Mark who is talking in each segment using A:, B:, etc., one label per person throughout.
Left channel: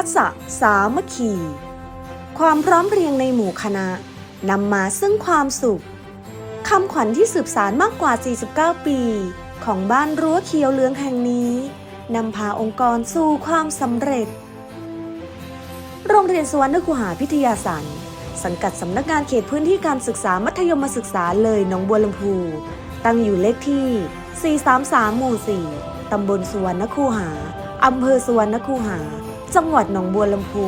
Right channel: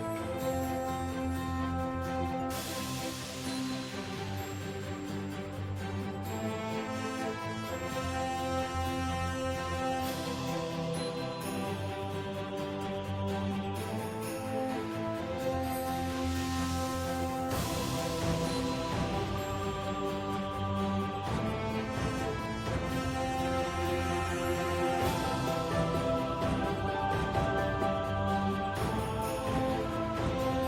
A: คัสสะสามัคคี ความพร้อมเพรียงในหมู่คณะนำมาซึ่งความสุขคำขวัญที่สืบสารมากกว่า 49 ปี ของบ้านรั้วเขียวเหลืองแห่งนี้นำพาองค์กรสู่ความสำเร็จ โรงเรียนสวรรณคูหาพิทยาสันสังกัดสำนักงานเขตพื้นที่การศึกษามัธยมศึกษาเลยหนองบัวลำพู ตั้งอยู่เลขที่ 433 หมู่ 4 ตำบลสวรรณคูหา อำเภอสวรรณคูหา จังหวัดหนองบัวลำพู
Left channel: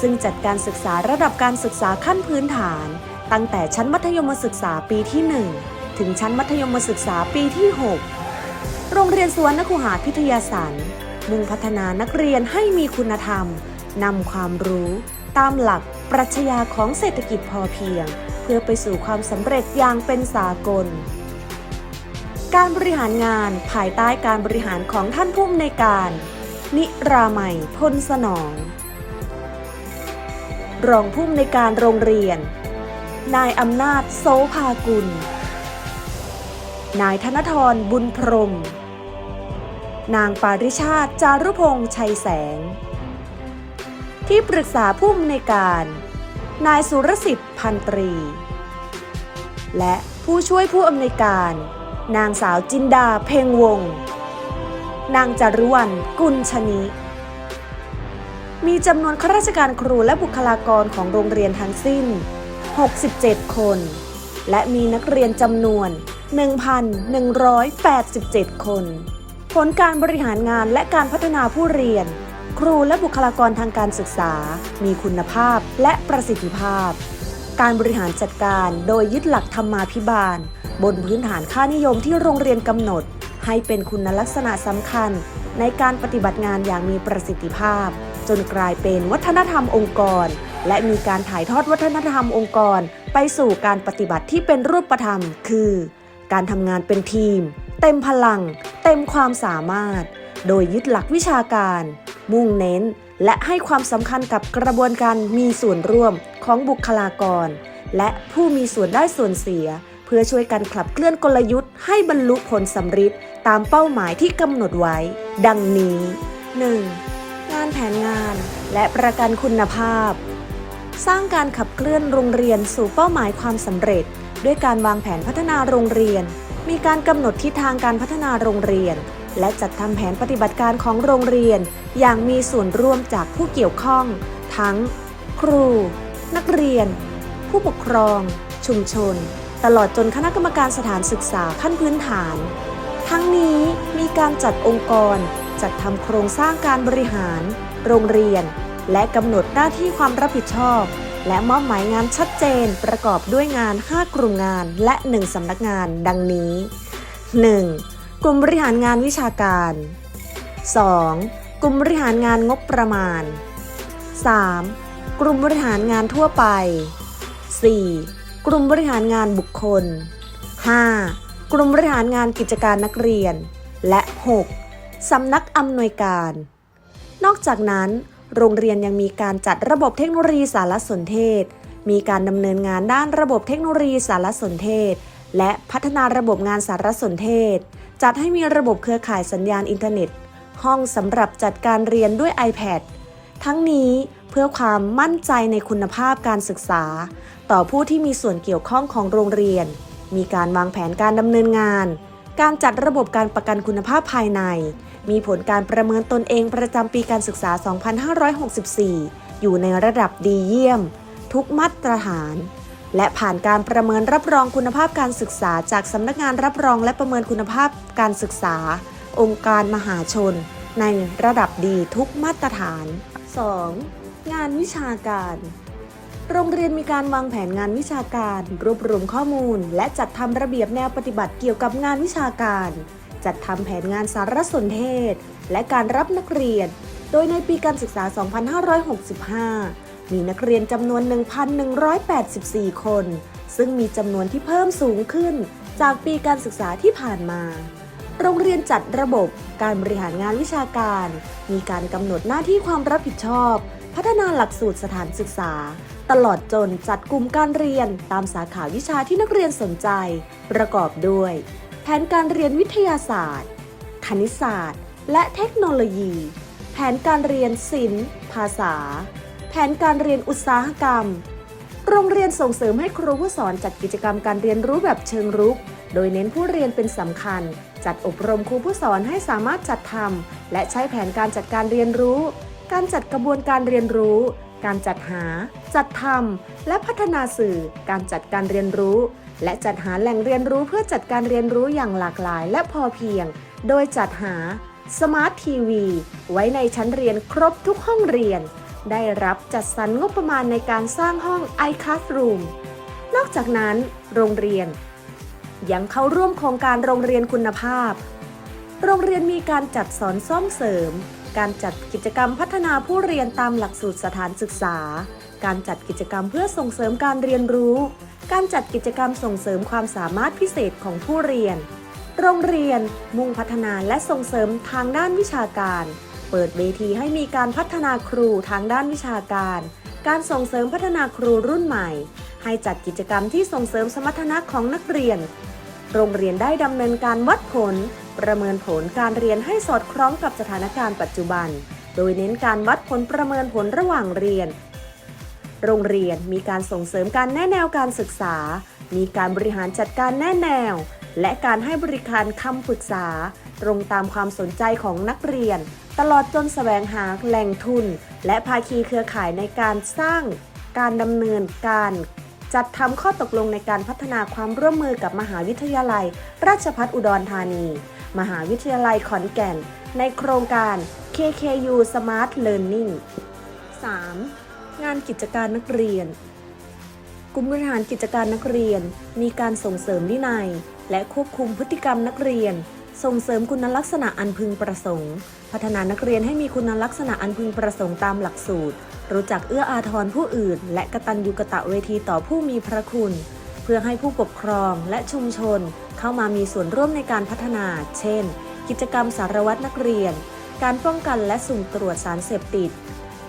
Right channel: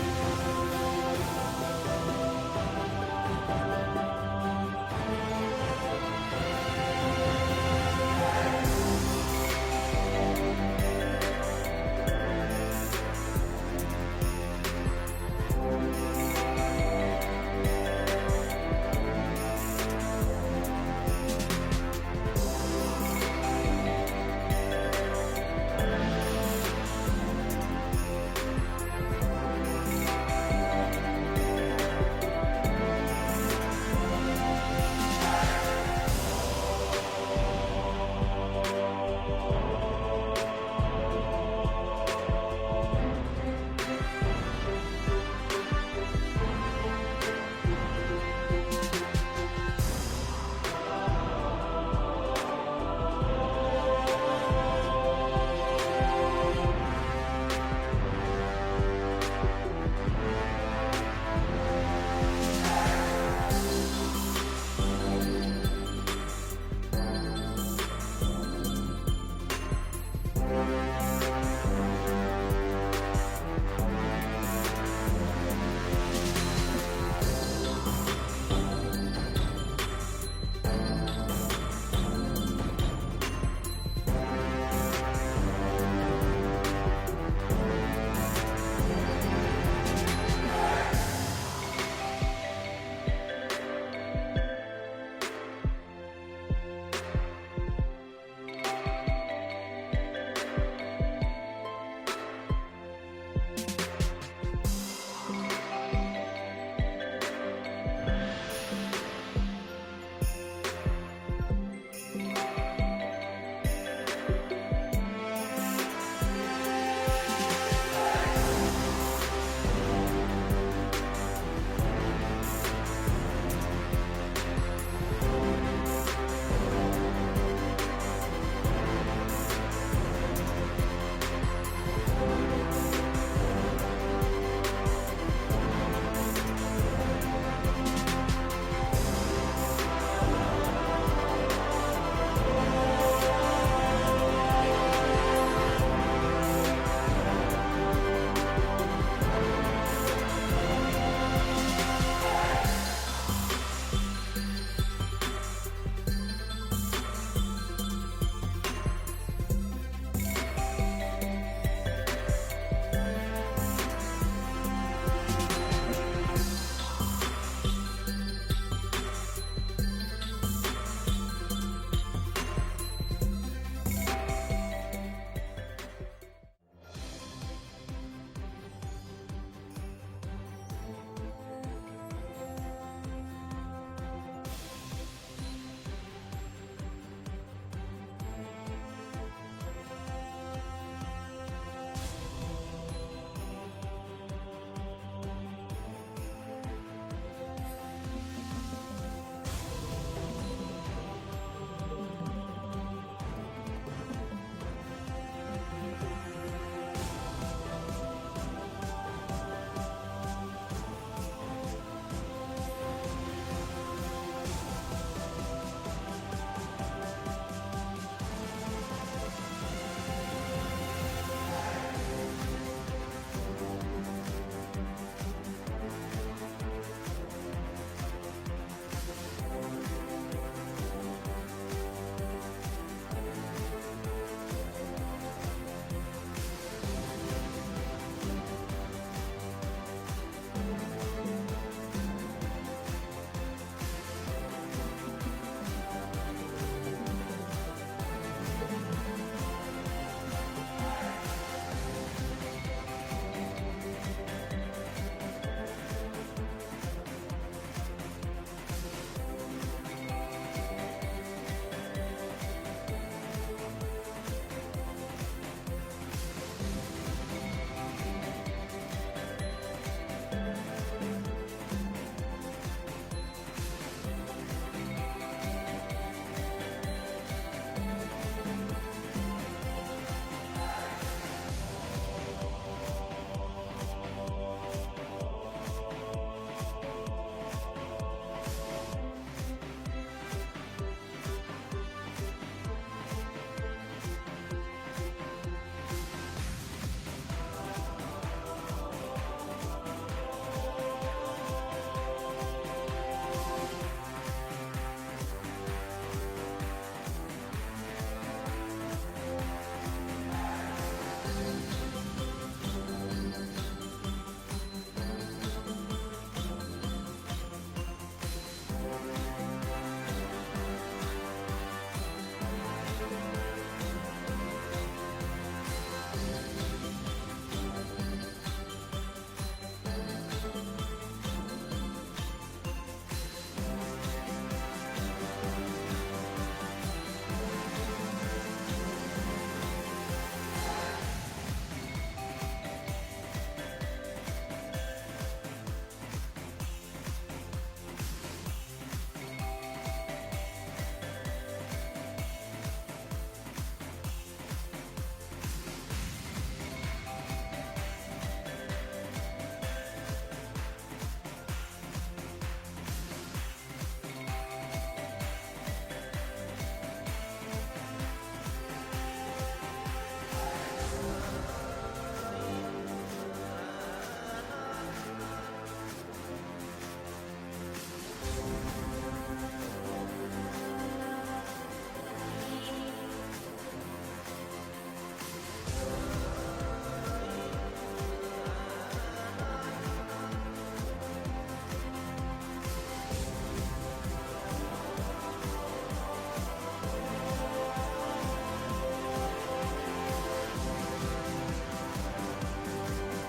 A: ซึ่งจัดการศึกษาระดับการศึกษาขั้นพื้นฐาน ตั้งแต่ชั้นมัธยมศึกษาปีที่ 1 ถึงชั้นมัธยมศึกษาปีที่ 6 โรงเรียนสวนนคูหาพิทยาสันมุ่งพัฒนานักเรียนให้มีคุณธรรมนำความรู้ ตามหลักปรัชญาของเศรษฐกิจพอเพียง เพื่อไปสู่ความสำเร็จอย่างเป็นสากล การบริหารงานภายใต้การบริหารของท่านผู้อำนวยการ นิรามัยพลสนอง รองผู้อำนวยการโรงเรียน นายอำนาจโสภากุล นายธนทรบุญพรม นางปาริชาติจารุพงษ์ชัยแสง ที่ปรึกษาผู้อำนวยการ นายสุรสิทธิ์พันตรี และผู้ช่วยผู้อำนวยการ นางสาวจินดาเพ่งวงศ์ นางจารุวรรณกุลชนิมีจำนวนข้าราชการครูและบุคลากรของโรงเรียนทั้งสิ้น 67 คน และมีนักเรียนจำนวน 1,187 คน ผลการบริหารงานและการพัฒนาผู้เรียน ครูและบุคลากรทางการศึกษา มีคุณภาพและประสิทธิภาพ การบริหารจัดการโดยยึดหลักธรรมาภิบาล บนพื้นฐานค่านิยมที่โรงเรียนกำหนด ให้เป็นคุณลักษณะสำคัญ ในการปฏิบัติงานอย่างมีประสิทธิภาพ จนกลายเป็นวัฒนธรรมองค์กร และมีการถ่ายทอดวัฒนธรรมองค์กร ไปสู่การปฏิบัติที่เป็นรูปธรรม คือ การทำงานเป็นทีม เต็มพลัง เต็มความสามารถ โดยยึดหลักวิชาการ มุ่งเน้น และให้ความสำคัญกับกระบวนการมีส่วนร่วมของบุคลากร และผู้มีส่วนได้ส่วนเสีย เพื่อช่วยกันขับเคลื่อนกลยุทธ์ให้บรรลุผลสำฤทธิ์ตามเป้าหมายที่กำหนดไว้ ดังนี้ 1. งานแผนงานและประกันคุณภาพ สร้างการขับเคลื่อนโรงเรียนสู่เป้าหมายความสำเร็จ ด้วยการวางแผนพัฒนาโรงเรียน มีการกำหนดทิศทางการพัฒนาโรงเรียน และจัดทำแผนปฏิบัติการของโรงเรียน อย่างมีส่วนร่วมจากผู้เกี่ยวข้อง ทั้ง ครู นักเรียน ผู้ปกครอง ชุมชน ตลอดจนคณะกรรมการสถานศึกษาขั้นพื้นฐาน ทั้งนี้มีการจัดองค์กร จัดทำโครงสร้างการบริหาร โรงเรียน และกำหนดหน้าที่ความรับผิดชอบ และมอบหมายงานชัดเจนประกอบด้วยงาน 5 กลุ่มงานและ 1สำนักงานดังนี้ 1. กลุ่มบริหารงานวิชาการ 2. กลุ่มบริหารงานงบประมาณ 3. กลุ่มบริหารงานทั่วไป 4. กลุ่มบริหารงานบุคคล 5. กลุ่มบริหารงานกิจการนักเรียน และ 6. สำนักอำนวยการ นอกจากนั้น โรงเรียนยังมีการจัดระบบเทคโนโลยีสารสนเทศ มีการดำเนินงานด้านระบบเทคโนโลยีสารสนเทศ และพัฒนาระบบงานสารสนเทศ จัดให้มีระบบเครือข่ายสัญญาณอินเทอร์เน็ต ห้องสำหรับจัดการเรียนด้วย iPad ทั้งนี้เพื่อความมั่นใจในคุณภาพการศึกษา ต่อผู้ที่มีส่วนเกี่ยวข้องของโรงเรียน มีการวางแผนการดำเนินงาน การจัดระบบการประกันคุณภาพภายใน มีผลการประเมินตนเองประจำปีการศึกษา 2564 อยู่ในระดับดีเยี่ยม ทุกมาตรฐาน และผ่านการประเมินรับรองคุณภาพการศึกษา จากสำนักงานรับรองและประเมินคุณภาพการศึกษา องค์การมหาชน ในระดับดีทุกมาตรฐาน 2. งานวิชาการ โรงเรียนมีการวางแผนงานวิชาการ รวบรวมข้อมูล และจัดทำระเบียบแนวปฏิบัติเกี่ยวกับงานวิชาการ จัดทำแผนงานสารสนเทศ และการรับนักเรียน โดยในปีการศึกษา 2565 มีนักเรียนจำนวน 1,184 คน ซึ่งมีจำนวนที่เพิ่มสูงขึ้น จากปีการศึกษาที่ผ่านมาโรงเรียนจัดระบบการบริหารงานวิชาการ มีการกำหนดหน้าที่ความรับผิดชอบ พัฒนาหลักสูตรสถานศึกษา ตลอดจนจัดกลุ่มการเรียนตามสาขาวิชาที่นักเรียนสนใจ ประกอบด้วย แผนการเรียนวิทยาศาสตร์ คณิตศาสตร์ และเทคโนโลยี แผนการเรียนศิลป์ ภาษา แผนการเรียนอุตสาหกรรม โรงเรียนส่งเสริมให้ครูผู้สอนจัดกิจกรรมการเรียนรู้แบบเชิงรุก โดยเน้นผู้เรียนเป็นสำคัญ จัดอบรมครูผู้สอนให้สามารถจัดทำและใช้แผนการจัดการเรียนรู้ การจัดกระบวนการเรียนรู้ การจัดหา จัดทำและพัฒนาสื่อ การจัดการเรียนรู้ และจัดหาแหล่งเรียนรู้เพื่อจัดการเรียนรู้อย่างหลากหลายและพอเพียง โดยจัดหาสมาร์ททีวีไว้ในชั้นเรียนครบทุกห้องเรียน ได้รับจัดสรรงบประมาณในการสร้างห้อง iClassroom นอกจากนั้น โรงเรียน ยังเข้าร่วมโครงการโรงเรียนคุณภาพ โรงเรียนมีการจัดสอนซ่อมเสริม การจัดกิจกรรมพัฒนาผู้เรียนตามหลักสูตรสถานศึกษา การจัดกิจกรรมเพื่อส่งเสริมการเรียนรู้ การจัดกิจกรรมส่งเสริมความสามารถพิเศษของผู้เรียน โรงเรียนมุ่งพัฒนาและส่งเสริมทางด้านวิชาการ เปิดเวทีให้มีการพัฒนาครูทางด้านวิชาการ การส่งเสริมพัฒนาครูรุ่นใหม่ ให้จัดกิจกรรมที่ส่งเสริมสมรรถนะของนักเรียน โรงเรียนได้ดำเนินการวัดผล ประเมินผลการเรียนให้สอดคล้องกับสถานการณ์ปัจจุบัน โดยเน้นการวัดผลประเมินผลระหว่างเรียน โรงเรียนมีการส่งเสริมการแนะแนวการศึกษา มีการบริหารจัดการแนะแนว และการให้บริการคำปรึกษา ตรงตามความสนใจของนักเรียน ตลอดจนแสวงหาแหล่งทุน และภาคีเครือข่ายในการสร้าง การดำเนินการ จัดทำข้อตกลงในการพัฒนาความร่วมมือกับมหาวิทยาลัย ราชภัฏอุดรธานี มหาวิทยาลัยขอนแก่น ในโครงการ KKU Smart Learning 3. งานกิจการนักเรียนกลุ่มบริหารกิจการนักเรียน มีการส่งเสริมวินัย และควบคุมพฤติกรรมนักเรียน ส่งเสริมคุณลักษณะอันพึงประสงค์ พัฒนานักเรียนให้มีคุณลักษณะอันพึงประสงค์ตามหลักสูตร รู้จักเอื้ออาทรผู้อื่น และกระตัญญูกะตะเวทีต่อผู้มีพระคุณ เพื่อให้ผู้ปกครองและชุมชน เข้ามามีส่วนร่วมในการพัฒนา เช่น กิจกรรมสารวัตรนักเรียน การป้องกันและสุ่มตรวจสารเสพติด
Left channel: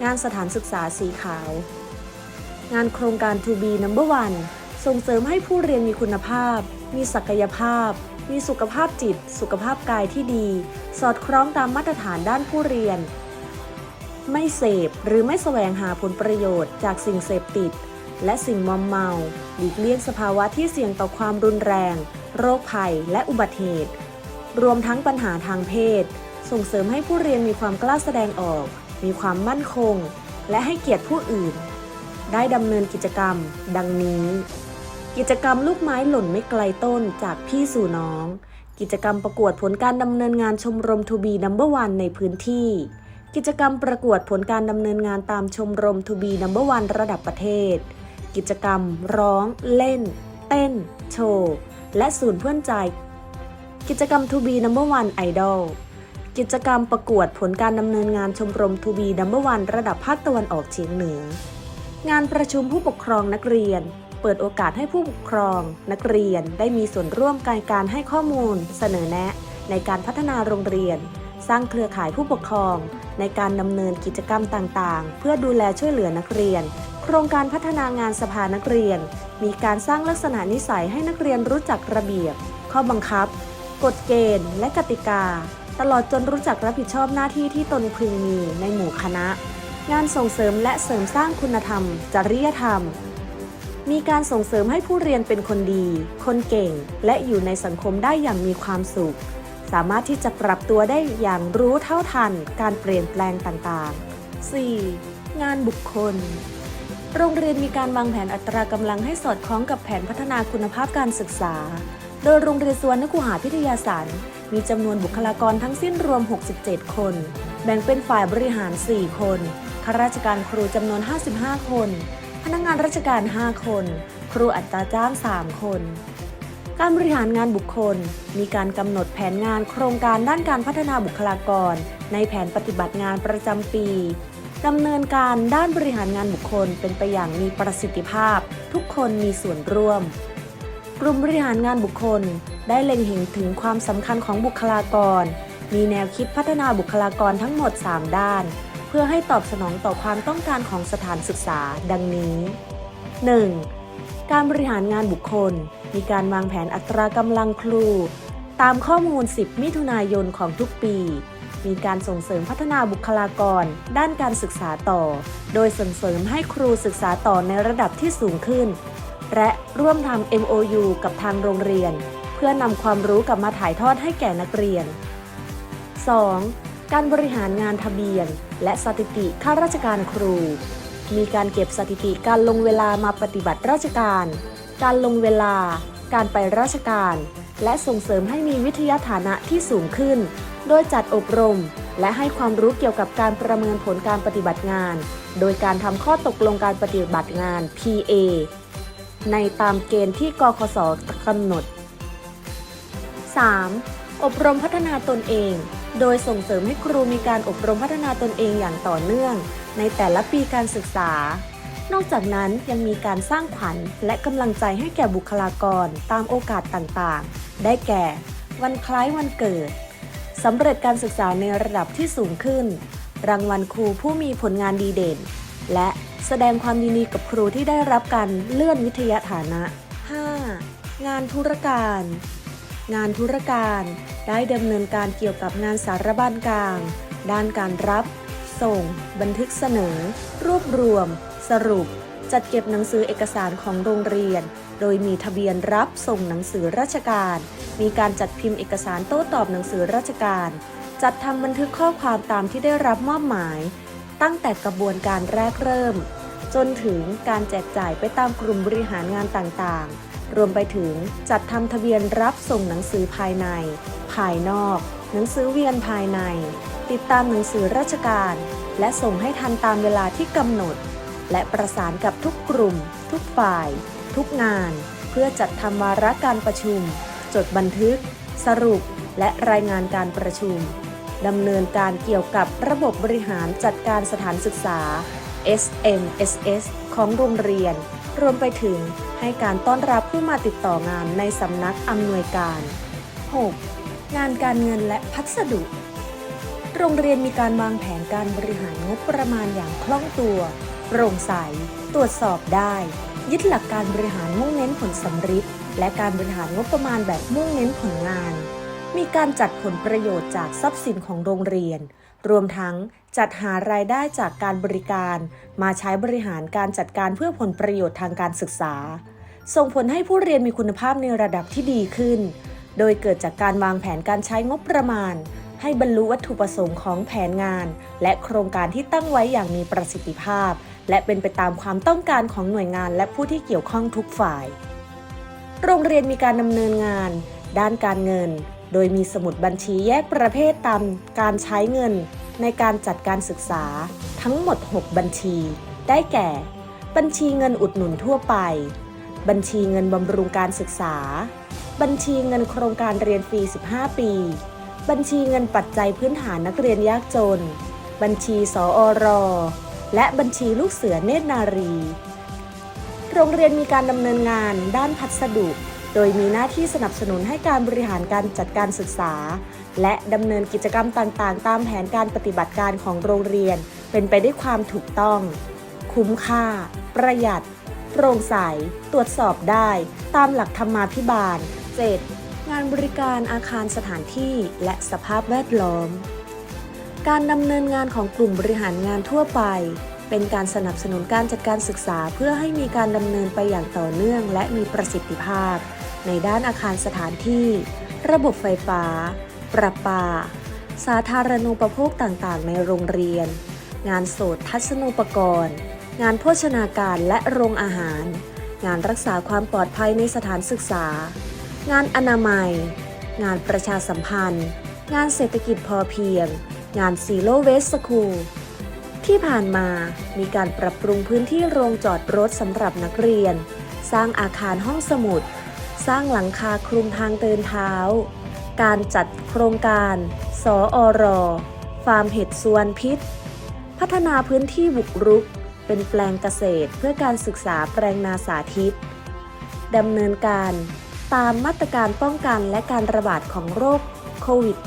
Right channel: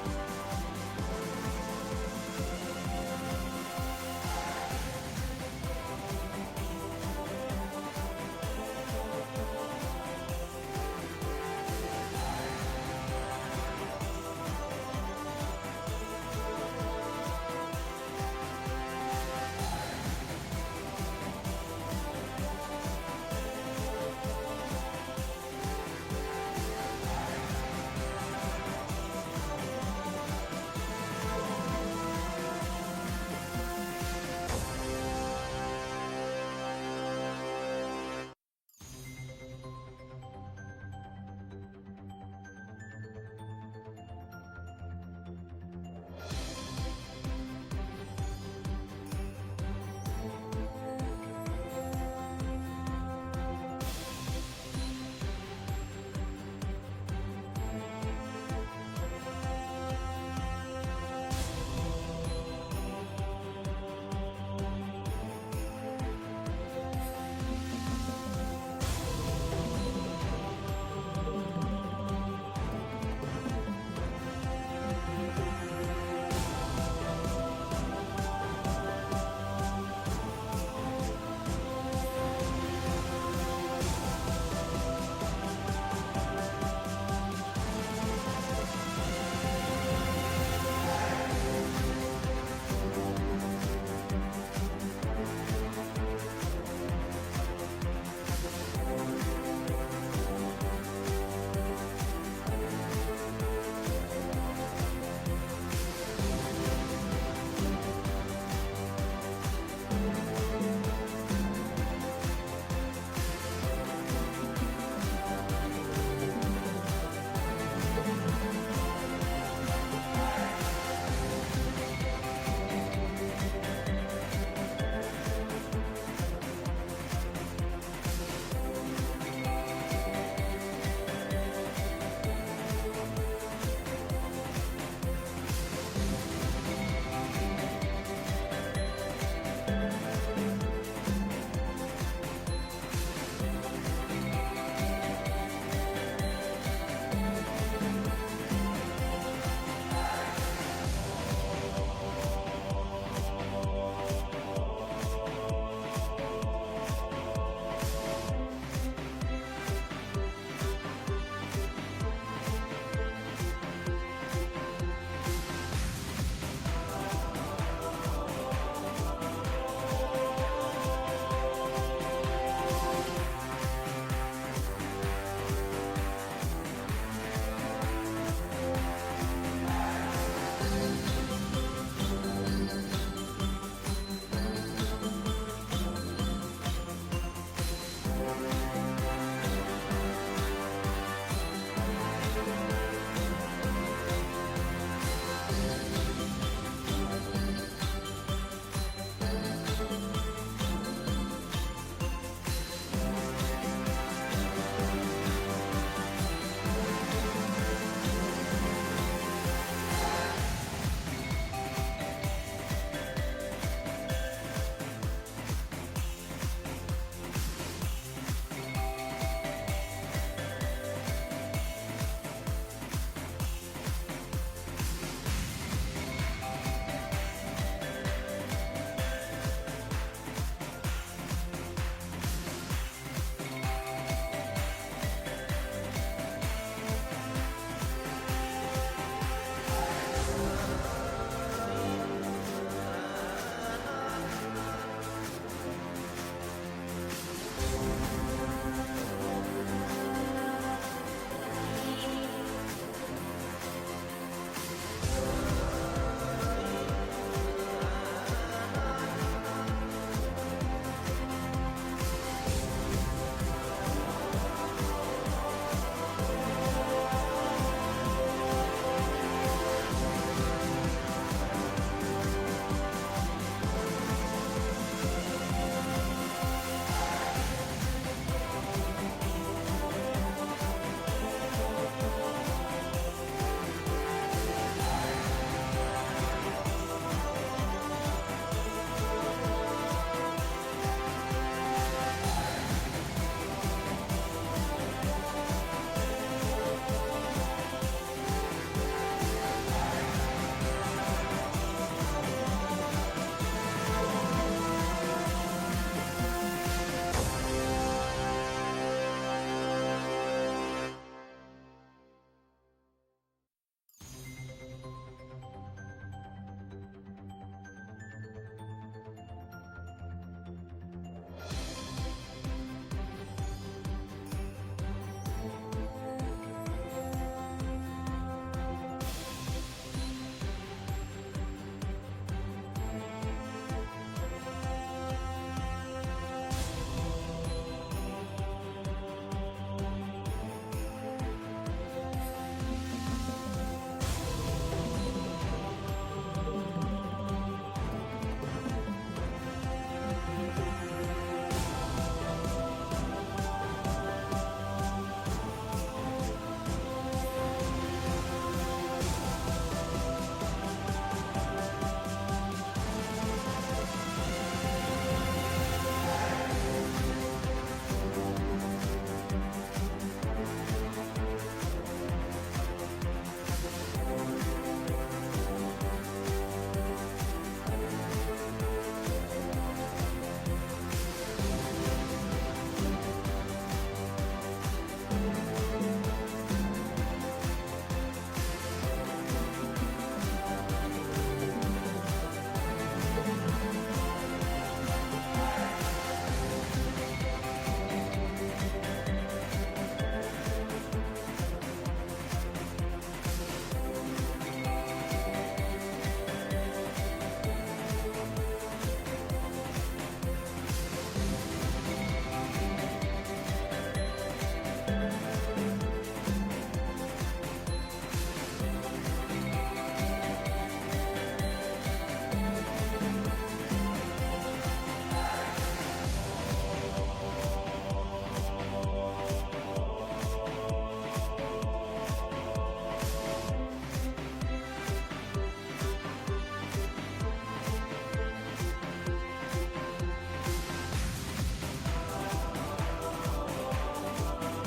A: งานสถานศึกษาสีขาว งานโครงการ To be Number One ส่งเสริมให้ผู้เรียนมีคุณภาพ มีศักยภาพ มีสุขภาพจิต สุขภาพกายที่ดี สอดคล้องตามมาตรฐานด้านผู้เรียน ไม่เสพหรือไม่แสวงหาผลประโยชน์จากสิ่งเสพติด และสิ่งมอมเมาหลีกเลี่ยงสภาวะที่เสี่ยงต่อความรุนแรง โรคภัย และอุบัติเหตุ รวมทั้งปัญหาทางเพศ ส่งเสริมให้ผู้เรียนมีความกล้าแสดงออก มีความมั่นคง และให้เกียรติผู้อื่น ได้ดำเนินกิจกรรม ดังนี้ กิจกรรมลูกไม้หล่นไม่ไกลต้นจากพี่สู่น้อง กิจกรรมประกวดผลการดำเนินงานชมรมทูบีนัมเบอร์วันในพื้นที่ กิจกรรมประกวดผลการดำเนินงานตามชมรมทูบีนัมเบอร์วันระดับประเทศ กิจกรรม ร้อง เล่น เต้น โชว์ และศูนย์เพื่อนใจ กิจกรรมทูบีนัมเบอร์วันไอดอลกิจกรรมประกวดผลการดำเนินงานชมรมทูบีนัมเบอร์วันระดับภาคตะวันออกเฉียงเหนือ งานประชุมผู้ปกครองนักเรียน เปิดโอกาสให้ผู้ปกครอง นักเรียนได้มีส่วนร่วมการการให้ข้อมูล เสนอแนะ ในการพัฒนาโรงเรียน สร้างเครือข่ายผู้ปกครอง ในการดำเนินกิจกรรมต่างๆ เพื่อดูแลช่วยเหลือนักเรียน โครงการพัฒนางานสภานักเรียน มีการสร้างลักษณะนิสัยให้นักเรียนรู้จักระเบียบ ข้อบังคับ กฎเกณฑ์ และกติกา ตลอดจนรู้จักรับผิดชอบหน้าที่ที่ตนพึงมีในหมู่คณะงานส่งเสริมและเสริมสร้างคุณธรรม จริยธรรม มีการส่งเสริมให้ผู้เรียนเป็นคนดี คนเก่ง และอยู่ในสังคมได้อย่างมีความสุข สามารถที่จะปรับตัวได้อย่างรู้เท่าทัน การเปลี่ยนแปลงต่างๆ 4. งานบุคคล โรงเรียนมีการวางแผนอัตรากำลังให้สอดคล้องกับแผนพัฒนาคุณภาพการศึกษา โดยโรงเรียนสวนนกุหาพิทยาศาสตร์มีจำนวนบุคลากรทั้งสิ้นรวม 67 คน แบ่งเป็นฝ่ายบริหาร 4 คนข้าราชการครูจำนวน 55 คน พนักงานราชการ 5 คน ครูอัตราจ้าง 3 คน การบริหารงานบุคคล มีการกำหนดแผนงานโครงการด้านการพัฒนาบุคลากร ในแผนปฏิบัติงานประจำปีดำเนินการด้านบริหารงานบุคคลเป็นไปอย่างมีประสิทธิภาพ ทุกคนมีส่วนร่วม กลุ่มบริหารงานบุคคล ได้เล็งเห็นถึงความสำคัญของบุคลากร มีแนวคิดพัฒนาบุคลากรทั้งหมด 3 ด้าน เพื่อให้ตอบสนองต่อความต้องการของสถานศึกษา ดังนี้ 1. การบริหารงานบุคคล มีการวางแผนอัตรากำลังครู ตามข้อมูล 10 มิถุนายนของทุกปี มีการส่งเสริมพัฒนาบุคลากร ด้านการศึกษาต่อ โดยส่งเสริมให้ครูศึกษาต่อในระดับที่สูงขึ้น และร่วมทำ MOU กับทางโรงเรียน เพื่อนำความรู้กลับมาถ่ายทอดให้แก่นักเรียน 2. การบริหารงานทะเบียน และสถิติข้าราชการครู มีการเก็บสถิติการลงเวลามาปฏิบัติราชการ การลงเวลา การไปราชการ และส่งเสริมให้มีวิทยาฐานะที่สูงขึ้น โดยจัดอบรม และให้ความรู้เกี่ยวกับการประเมินผลการปฏิบัติงาน โดยการทำข้อตกลงการปฏิบัติงาน PA ในตามเกณฑ์ที่กคสกำหนด 3. อบรมพัฒนาตนเอง โดยส่งเสริมให้ครูมีการอบรมพัฒนาตนเองอย่างต่อเนื่อง ในแต่ละปีการศึกษา นอกจากนั้นยังมีการสร้างขวัญและกำลังใจให้แก่บุคลากรตามโอกาสต่างๆ ได้แก่ วันคล้ายวันเกิดสำเร็จการศึกษาในระดับที่สูงขึ้น รางวัลครูผู้มีผลงานดีเด่น และแสดงความยินดีกับครูที่ได้รับการเลื่อนวิทยาฐานะ 5. งานธุรการ งานธุรการ ได้ดำเนินการเกี่ยวกับงานสารบัญกลาง ด้านการรับ ส่ง บันทึกเสนอ รวบรวม สรุป จัดเก็บหนังสือเอกสารของโรงเรียน โดยมีทะเบียนรับส่งหนังสือราชการ มีการจัดพิมพ์เอกสารโต้ตอบหนังสือราชการ จัดทำบันทึกข้อความตามที่ได้รับมอบหมาย ตั้งแต่กระบวนการแรกเริ่ม จนถึงการแจกจ่ายไปตามกลุ่มบริหารงานต่างๆ รวมไปถึงจัดทำทะเบียนรับส่งหนังสือภายใน ภายนอก หนังสือเวียนภายใน ติดตามหนังสือราชการ และส่งให้ทันตามเวลาที่กำหนด และประสานกับทุกกลุ่ม ทุกฝ่าย ทุกงาน เพื่อจัดทำวาระการประชุม จดบันทึก สรุป และรายงานการประชุมดำเนินการเกี่ยวกับระบบบริหารจัดการสถานศึกษา SMSS ของโรงเรียน รวมไปถึง ให้การต้อนรับผู้มาติดต่องานในสำนักอำนวยการ 6. งานการเงินและพัสดุ โรงเรียนมีการวางแผนการบริหารงบประมาณอย่างคล่องตัว โปร่งใส ตรวจสอบได้ ยึดหลักการบริหารมุ่งเน้นผลสำฤทธิ์และการบริหารงบประมาณแบบมุ่งเน้นผลงาน มีการจัดผลประโยชน์จากทรัพย์สินของโรงเรียน รวมทั้งจัดหารายได้จากการบริการ มาใช้บริหารการจัดการเพื่อผลประโยชน์ทางการศึกษา ส่งผลให้ผู้เรียนมีคุณภาพในระดับที่ดีขึ้น โดยเกิดจากการวางแผนการใช้งบประมาณ ให้บรรลุวัตถุประสงค์ของแผนงาน และโครงการที่ตั้งไว้อย่างมีประสิทธิภาพ และเป็นไปตามความต้องการของหน่วยงานและผู้ที่เกี่ยวข้องทุกฝ่าย โรงเรียนมีการดำเนินงาน ด้านการเงิน โดยมีสมุดบัญชีแยกประเภทตามการใช้เงิน ในการจัดการศึกษา ทั้งหมด 6 บัญชี ได้แก่ บัญชีเงินอุดหนุนทั่วไป บัญชีเงินบำรุงการศึกษา บัญชีเงินโครงการเรียนฟรี 15 ปี บัญชีเงินปัจจัยพื้นฐานนักเรียนยากจน บัญชีสออรและบัญชีลูกเสือเนตรนารี โรงเรียนมีการดำเนินงานด้านพัสดุ โดยมีหน้าที่สนับสนุนให้การบริหารการจัดการศึกษา และดำเนินกิจกรรมต่างๆ ตามแผนการปฏิบัติการของโรงเรียน เป็นไปด้วยความถูกต้อง คุ้มค่า ประหยัด โปร่งใส ตรวจสอบได้ ตามหลักธรรมาภิบาล 7. งานบริการอาคารสถานที่และสภาพแวดล้อม การดำเนินงานของกลุ่มบริหารงานทั่วไป เป็นการสนับสนุนการจัดการศึกษาเพื่อให้มีการดำเนินไปอย่างต่อเนื่อง และมีประสิทธิภาพ ในด้านอาคารสถานที่ ระบบไฟฟ้า ประปา สาธารณูปโภคต่างๆ ในโรงเรียน งานโสตทัศนูปกรณ์ งานโภชนาการและโรงอาหาร งานรักษาความปลอดภัยในสถานศึกษา งานอนามัย งานประชาสัมพันธ์ งานเศรษฐกิจพอเพียง งานซีโรเวสคูลที่ผ่านมามีการปรับปรุงพื้นที่โรงจอดรถสำหรับนักเรียน สร้างอาคารห้องสมุด สร้างหลังคาคลุมทางเดินเท้า การจัดโครงการ สออรฟาร์มเห็ดสวนพิษ พัฒนาพื้นที่บุกรุก เป็นแปลงเกษตรเพื่อการศึกษาแปลงนาสาธิตดำเนินการตามมาตรการป้องกันและการระบาดของโรคโควิด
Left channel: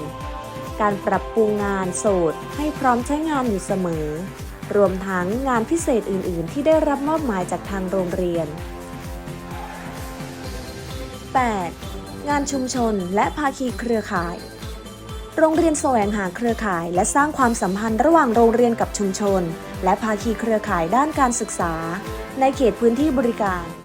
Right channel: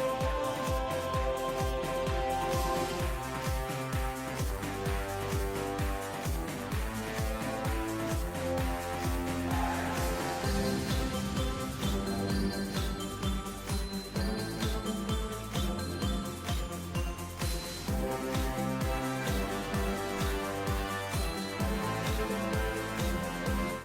A: -19 การปรับปรุงงานโสดให้พร้อมใช้งานอยู่เสมอ รวมทั้งงานพิเศษอื่น ๆ ที่ได้รับมอบหมายจากทางโรงเรียน 8. งานชุมชนและภาคีเครือข่าย โรงเรียนแสวงหาเครือข่าย และสร้างความสัมพันธ์ระหว่างโรงเรียนกับชุมชน และภาคีเครือข่ายด้านการศึกษา ในเขตพื้นที่บริการ